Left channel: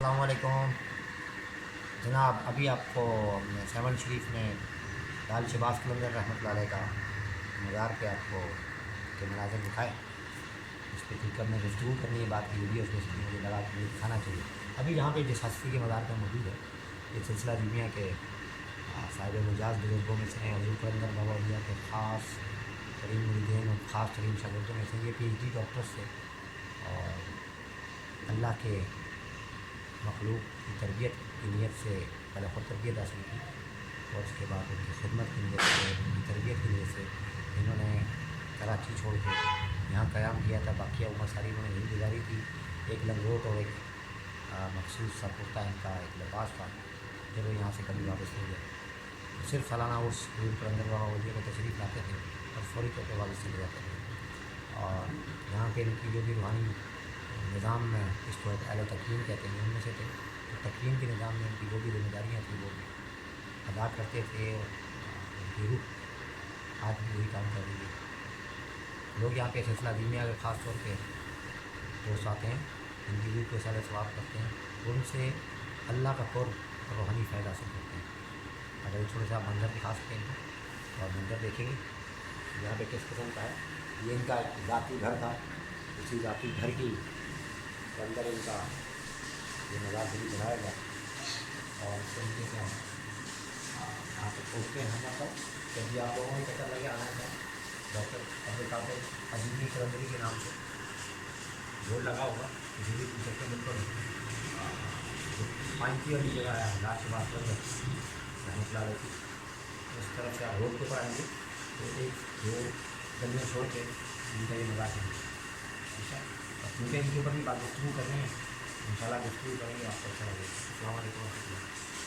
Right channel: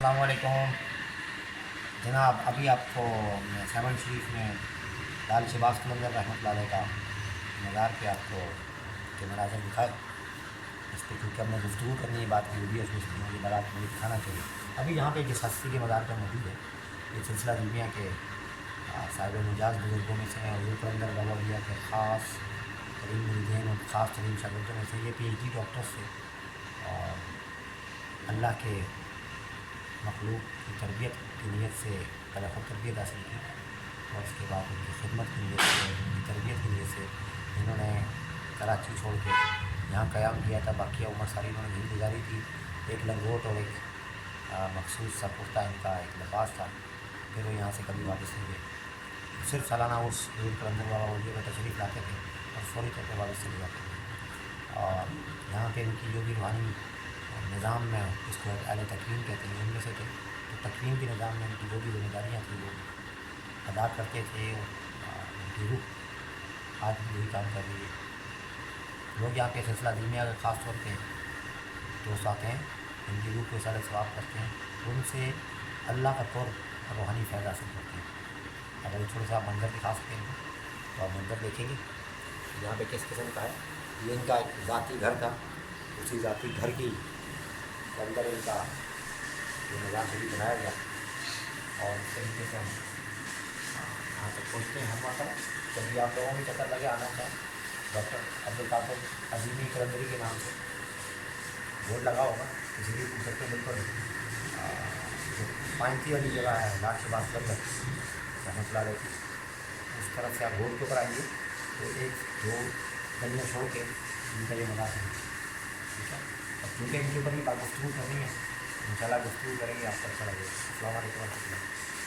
السلام علیکم جناب، ابھی آپ کو سیون شریف میں لال شہباز قلندر رحمۃ اللہ علیہ کا مزار پہ آپ کو کے مناظر دکھائے. اس پہ کیونکہ ہم نے گفتگو کرنی ہے، بات کی ویڈیوز میں، اس لیے مجھے لگا کہ مجھے دکھانا چاہیے. ابھی یہاں پہ جس ہستی کے مزار پہ موجود ہے، یہ سلسلہ دیویاں کے صاحب مجاز بزرگوں میں سے ہیں. حضور قلندر بابا اولیاء کے خاص ترین مریدین اور خاص ترین شاگردوں میں سے یہ پی ایچ ڈی ڈاکٹرس تھے، اور اللہ کے مخلوق کی تربیت کی نیت سے پہلے خود تربیت حاصل کی، اور اس کے بعد ان کی خدمت کی نیت سے، ان کی تربیت کی نیت سے انہوں نے کراچی چھوڑ کے یہاں قیام کیا تھا. باقی عمر ساری انہوں نے یہی گزاری تھی. ایک لنگوٹ اور ایک مخصوص سا کرتا ان کا ایک لباس تھا. پھر وہ یہاں سے کبھی واپس نہیں گئے. صرف سالانہ عرس حضور قلندر بابا اولیاء کا تشریف لاتے تھے اور فوری طور پہ واپس چلے جاتے تھے. اور یہاں پہ ان کی جو بھی روحانی نظام میں اس کو ایک اہل تکریم کہتے ہیں، ان میں سے تھے. تو تکریم کے نظام میں ان کی جو بھی ذمہ داریاں تھیں وہ ادا کرتے تھے، اور ان کی روح آج بھی وہی کام کر رہی ہے. لوگ یہاں پہ سلسلہ دیمیا کے خاص طور پہ دوست آتے ہیں، ان کی روح کو اثار ثواب کرتے ہیں، اور ان سے اللہ کا قرب اور روحانی فائدہ حاصل کرتے ہیں. اگر تھوڑے سا آپ منظر دکھا سکتے ہیں تو آپ منظر دیکھیں گے یہاں پہ کس قسم کا ہے. یہ ان کا ذاتی گھر تھا. اسی ذاتی گھر کی کے اندر ان کا یہ مزار شریف بنایا گیا، اور اس طریقے سے ہم یہاں سے پہنچتے ہیں. ہم کبھی آپ لوگوں کو چکر لگے آنا چاہیں، ڈاکٹر عبدالقادر عظیمی قلندری کے نام سے بورڈ لگا ہوگا، کسی بھی پوچھ سکتے ہیں. بالکل پائنتی والی جگہ ہے لال شہباز قلندر رحمۃ اللہ علیہ کی. اس طرف سے آپ روڈ کے اوپر آئیں گے تو ایک دو گلیاں چھوڑ کے ان کا یہ مزار ہے. ٹھیک ہے، اور کیونکہ ان کے اوپر بھی بات گفتگو کرنی ہے، ان شاء اللہ گفتگو کریں گے، آپ کو اچھا لگے گا. السلام علیکم و رحمۃ اللہ.